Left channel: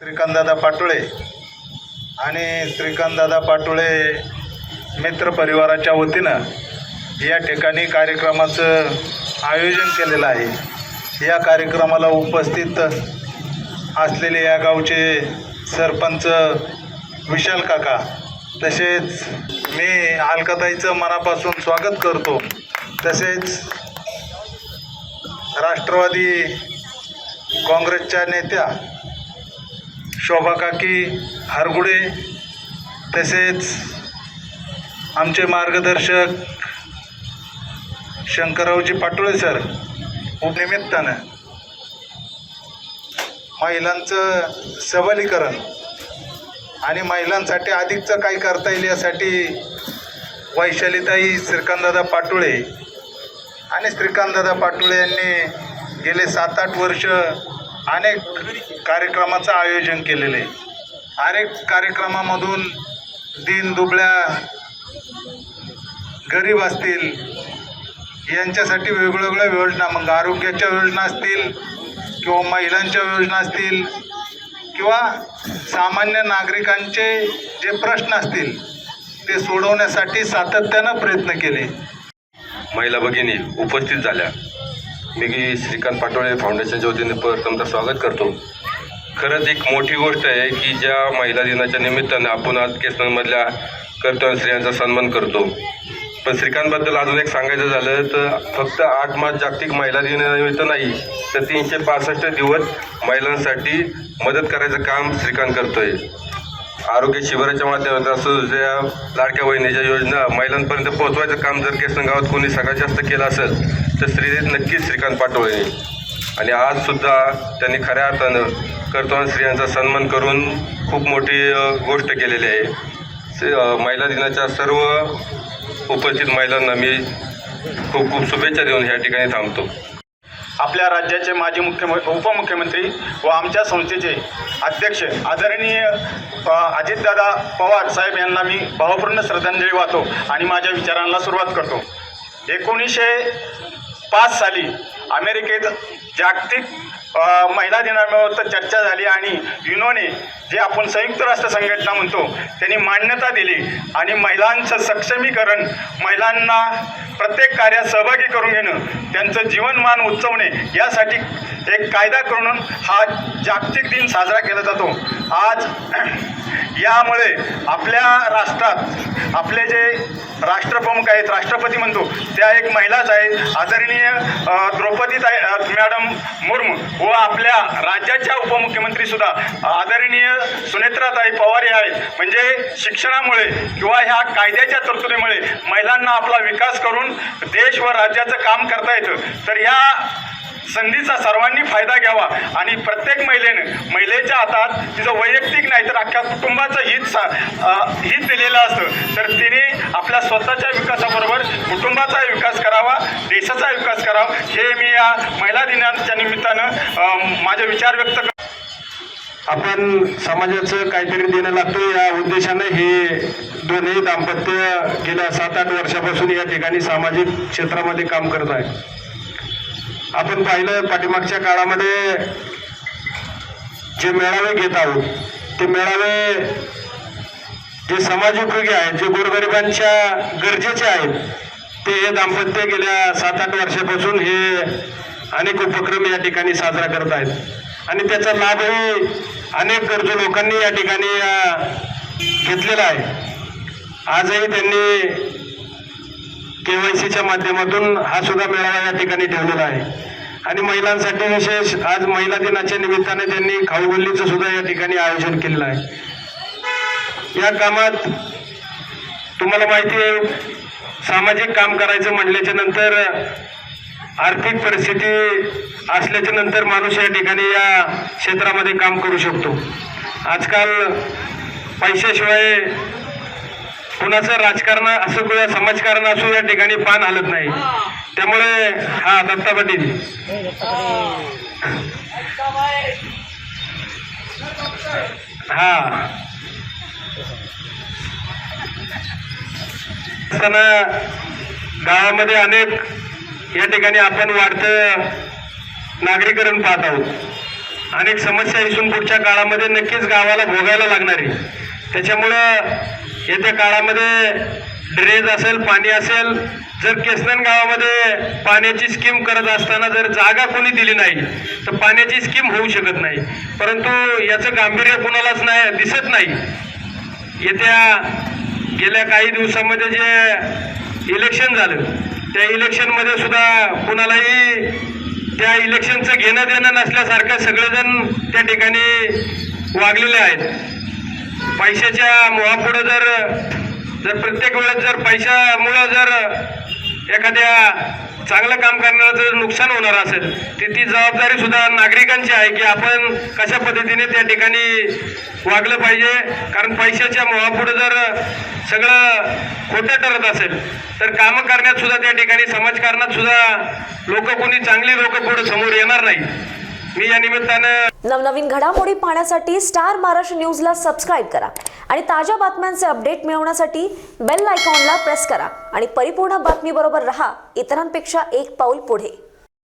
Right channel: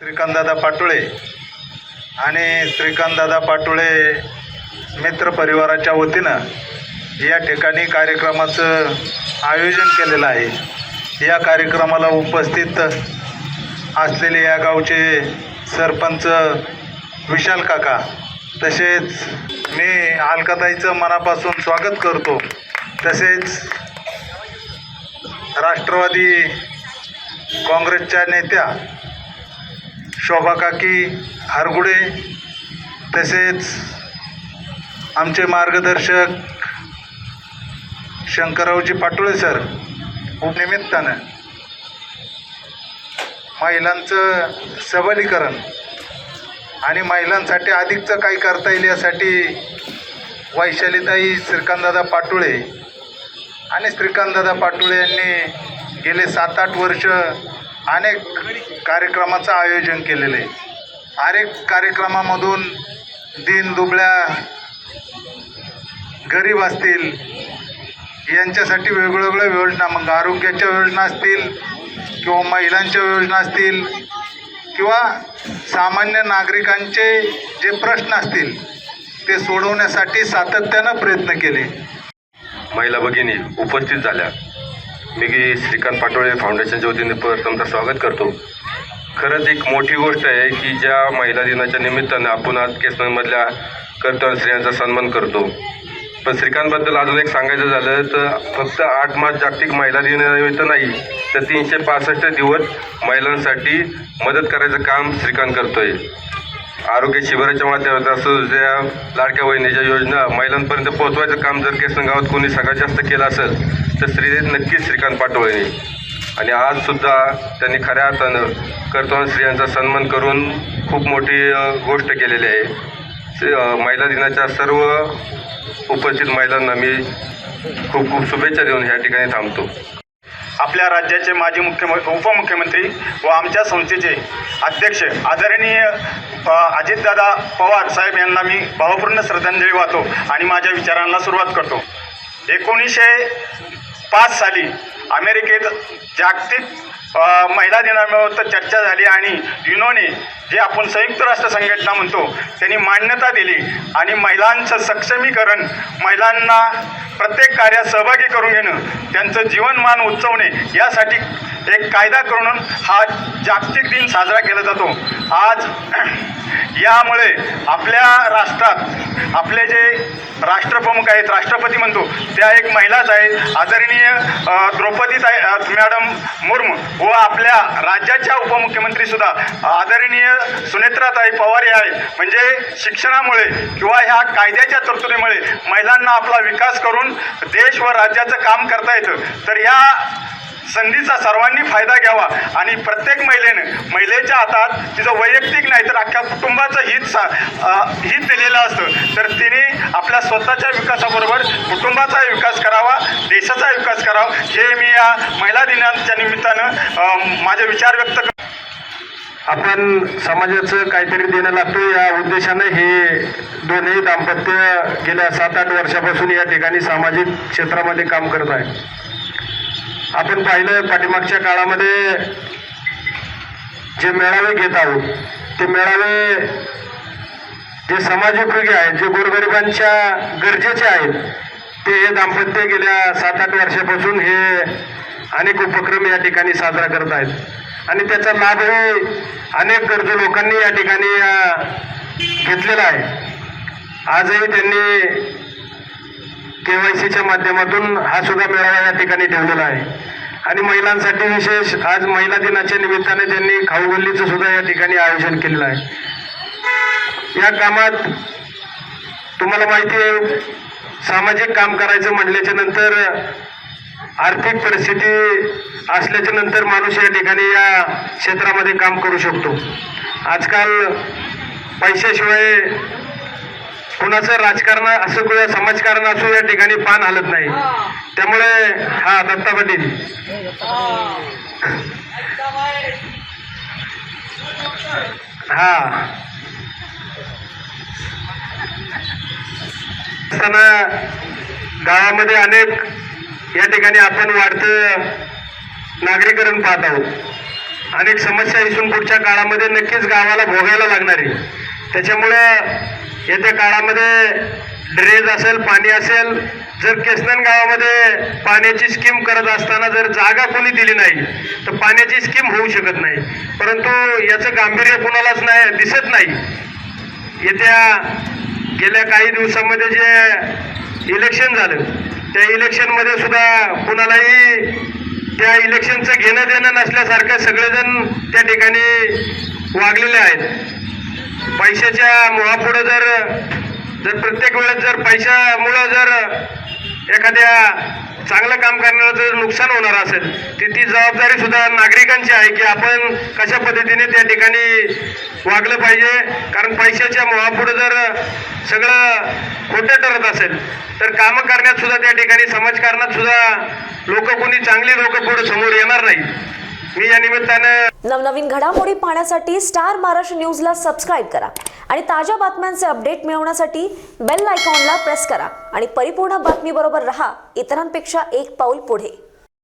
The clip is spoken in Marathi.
श्रीकांतदादा पाटोळे आणि श्रीकांतदादा पाटोळे मित्र परिवाराच्या वतीनं या ठिकाणी कार्यक्रमाचं आयोजन केलेलं आहे। या कार्यक्रमाला उपस्थित असलेले या गावचे सरपंच विशाल काका, तसेच मी अलकाताईचं मनापासून स्वागत करतो। तसेच राष्ट्रवादी काँग्रेसच्या नेत्या शोभा काकी हरगुडे, तसेच आमचे मार्गदर्शक शंकररावजी पाटोळे सर, निमित्तानं महिलांचं सबलीकरण आणि महिलांसाठी अधिकचं काही करता येईल यासाठी वैशालीताई श्रीकांतदादा पाटोळे आणि श्रीकांतदादा पाटोळे यांनी गेले 7-8 वर्ष अनेक कार्यक्रमाचं आयोजन केलेलं आहे। अनेक कार्यक्रमामधून दीनदुबळ्या गरीब असतील यांच्यासाठी वेगवेगळ्या योजना, मग आरोग्याच्या योजना असतील किंवा महिलांच्या योजना असतील किंवा सामान्य नागरिकांचे जे प्रश्न असतील ते सोडवण्यासाठी सातत्यानं प्रयत्न केले। महिला भगिनी उपस्थित झाल्या। मी श्रीकांत पाटोळे फाउंडेशनच्या वतीने प्रथमतः स्वागत करतो। खरंच एक मोठी गोष्ट आहे की ज्या महिला दिनाच्या निमित्तानं आपण आज केसनमधल्या कर्तव्य स्त्रियांचा सन्मान करतो। पण श्रीकांतबद्दल अजून एक सांगायचं झालं तर फक्त 8 मार्च जागतिक महिला दिनानिमित्त नाही तर 365 दिवस महिलांसाठी मदत करायचं काम श्रीकांत करतोय। आरोग्य शिबिराच्या माध्यमातून असं ज्या लाडक्या बहिणीच्या योजना महिलांपर्यंत पोहोचवायचं काम जर केसन गावात कोणी सगळ्यात जास्त केलं असेल तर नक्कीच श्रीकांत पाटोळे। आणि आजसुद्धा त्यांनी खऱ्या अर्थानं कर्तव्य स्त्रियांचा सन्मान करून खूप मोठी गोष्ट केलेली आहे। महिला दिनाच्या सर्व उपस्थित महिलांना मी खूप खूप शुभेच्छा देऊन या ठिकाणी थांबतो। आपल्या राज्याचे माजी उपमुख्यमंत्री व आमच्या संस्थेचे अध्यक्ष आदरणीय अजितदादा पवार साहेब यांना मी भावपूर्ण श्रद्धांजली वाहतो आणि माझ्या विचारांना सुरुवात करतो। 1905 साली अमेरिकेत जागतिक महिला दिनानिमित्त चर्चा झाली आणि युनोने, जे आपण संयुक्त राष्ट्र संघटना म्हणतो, त्यांनी मान्यता दिली आणि महिलांचं सक्षमीकरण, महिलांना प्रत्येक कार्यात सहभागी करून घेणं, त्यांचं जीवनमान उंचवणे यासाठी एक कायदा करून हा जागतिक दिन साजरा केला जातो। आज यामुळे आपल्या राष्ट्रात आपले जे राष्ट्रप्रमुख आहेत, राष्ट्रपती म्हणतो, त्या एक महिलाच आहेत, आदरणीय द्रौपदी मॅडम मुर्मू, व आपल्या राज्याच्या उपमुख्यमंत्रीसुद्धा आदरणीय सुनेत्राताई पवार हे आहेत। म्हणजे शिक्षणामुळे किंवा ह्या कायद्याच्या तरतुदीमुळे महिलांना आपला विकास करून देश व राज्याचं काम करता येतं। तर या संधीचा सर्वांनी फायदा घ्यावा आणि प्रत्येक महिलेच्या हातात तिचं वैयक्तिक नाही तर अख्ख्या कुटुंबाचं हित दिलेलं असतं। तर तिने आपल्या स्वतःच्या विकासाबरोबर कुटुंबाचाही विकास करावा, देशाचा विकास करावा, हे मी या महिला दिनाच्या निमित्तानं माझे विचार व्यक्त करतो। आपण समाजाचं काहीतरी देणं लागतं या उद्देशानं हे दोन्ही दाम्पत्य गेल्या 7-8 वर्षापासून या ठिकाणी सामाजिक क्षेत्रामध्ये काम करत आहे। आपण पाहिलं पाठीमागच्या काळामध्ये जे मेळावे घेत आहोत ते मेळावे जे समाजोपयोगी आहेत, जे गोरगरिबांच्या गरजेचे आहेत, ते हे दाम्पत्य गेल्या 7-8 वर्षापासून हे अनेक उपक्रम या ठिकाणी साजरा करत आहेत आणि त्याचा लाभही अनेक गरजू लोकांनी या ठिकाणी घेतलेला आहे। आजही त्यांनी KYCच्या माध्यमातून हा सुद्धा मेळावा या ठिकाणी ठेवलेला आहे आणि महिलांसाठी विशेष आज महिला दिनाच्या निमित्ताने त्यांनी खाऊगल्लीचं सुद्धा या ठिकाणी आयोजन केलेलं आहे। या कामात तुम्हाला माहिती आहे, सामाजिक काम करायचं म्हटल्याच्या नंतर आर्थिक परिस्थिती असल्याच्या नंतर माणूस या ठिकाणी या क्षेत्रामध्ये काम करू शकतो। आजकाल पैशाशिवाय कुणाचं राजकारण असो किंवा समाजकारण असो या ठिकाणी पान हलत नाही। त्यामुळे हा दत्ता पाटील गावामध्ये अनेक या ठिकाणी आपण वाढतं नागरीकरण पाहत आहोत अनेक समस्या इथून पुढच्या काळामध्ये नक्कीच गावाला भोगायला लागणार आहे. त्याच्यामुळं येत्या काळामध्ये ड्रेनेज असेल, पाणी असेल, जर केसनन गावामध्ये पाण्याची स्कीम करत असताना जर जागा कोणी दिली नाही तर पाण्याची स्कीम होऊ शकत नाही. परंतु याचं गांभीर्य कुणालाच नाही दिसत नाही. गेल्या काही दिवसामध्ये जे इलेक्शन झालं त्या इलेक्शनमध्ये सुद्धा कुणालाही त्या इलेक्शनचं घेणं देणं नसल्यासारखं सगळेजण त्या ठिकाणी वागलेले आहेत. पैशाच्या मोहापुढे जर प्रत्येक वेळेस जर पैशामुळं जर एखाद्या चांगलं काम करण्याचं जर नुकसान होणार असेल तर ती जबाबदारी सुद्धा नागरिकांची आहे की आपण कशा पद्धतीने त्या ठिकाणी वागलं पाहिजे. कारण पैशाच्या मोहापुढे जर सगळं खोटं ठरत असेल तर कामं करण्यात सुद्धा त्या ठिकाणी समाजकारणात सुद्धा कोणी चांगली लोक पुढे समोर येणार नाही. मी या निमित्तानं नवनवीन घडामोडी पाहण्यासाठी स्टार महाराष्ट्र न्यूजला सबस्क्राईब करा आणि ताज्या बातम्यांचे अपडेट मिळवण्यासाठी बेल आयकॉनला प्रेस करा आणि परिपूर्ण बातमीबरोबर रहा, इतरांपेक्षा एक पाऊल पुढे.